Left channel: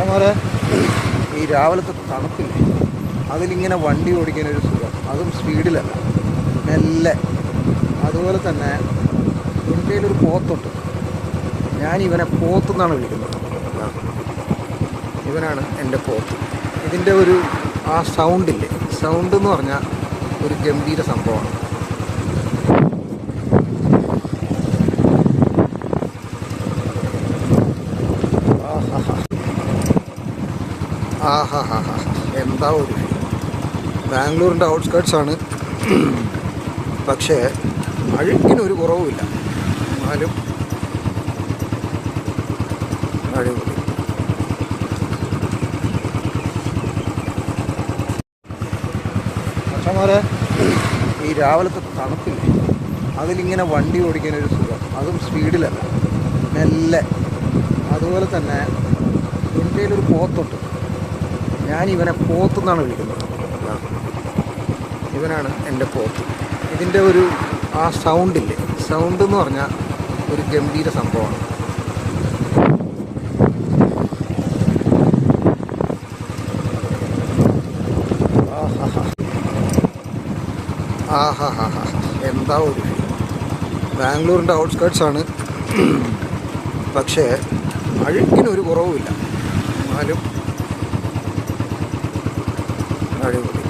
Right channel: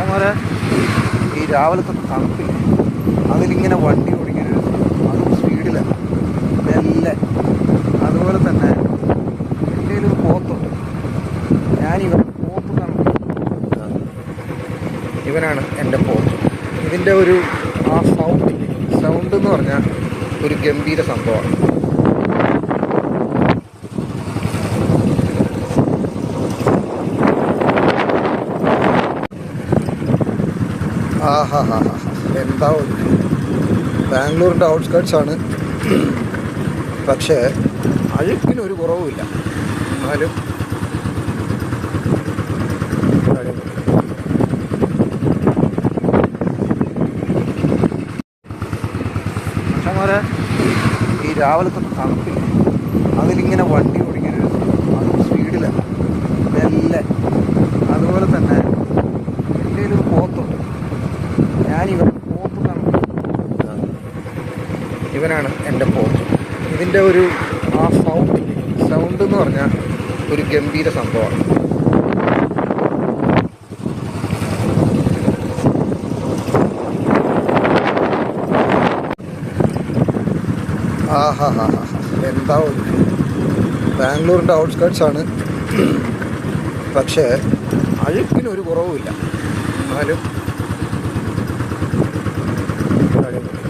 മച്ചന്മാരെ ഈ രാവിലത്തെ തണുപ്പില്ലേ, അതിലിങ്ങനെ വണ്ടി ഓടിക്കാനൊരു സുഖം, അതും സ്പീഡിലല്ല, മെല്ലെ. അതുപോലെ തന്നെ എൻ്റെ കയ്യിലൊരു പോത്തുണ്ട്. ഞാനിവനെ പോത്തുന്നാണ് വിളിക്കുന്നത്. ഇവനാണ് എൻ്റെ പോത്ത്. ഇതിൻ്റെ ഒരു ആ സൗണ്ടില്ലേ, സൗണ്ട് എന്ന് പറഞ്ഞാൽ ഒരു ഗംഭീര സംഭവമാണ്. ആഹാ ഹാ ഹാ, എന്താ ഒരു ഫീൽ. ബാംഗ്ലൂരിൻ്റെ ഔട്ട്സ്കേർട്സാണ്, പക്ഷേ അഴുക്കിനൊരു കുറവുമില്ല. എന്നാലും അടിപൊളി. മച്ചന്മാരെ ഈ രാവിലത്തെ തണുപ്പില്ലേ, അതിലിങ്ങനെ വണ്ടി ഓടിക്കാനൊരു സുഖം, അതും സ്പീഡിലല്ല, മെല്ലെ. അതുപോലെ തന്നെ എൻ്റെ കയ്യിലൊരു പോത്തുണ്ട്. ഞാനിവനെ പോത്തുന്നാണ് വിളിക്കുന്നത്. ഇവനാണ് എൻ്റെ പോത്ത്. ഇതിൻ്റെ ഒരു ആ സൗണ്ടില്ലേ, സൗണ്ട് എന്ന് പറഞ്ഞാൽ ഒരു ഗംഭീര സംഭവമാണ്. ആഹാ ഹാ ഹാ, എന്താ ഒരു ഫീൽ. ബാംഗ്ലൂരിൻ്റെ ഔട്ട്സ്കേർട്സാണ്, പക്ഷേ അഴുക്കിനൊരു കുറവുമില്ല. എന്നാലും അടിപൊളി.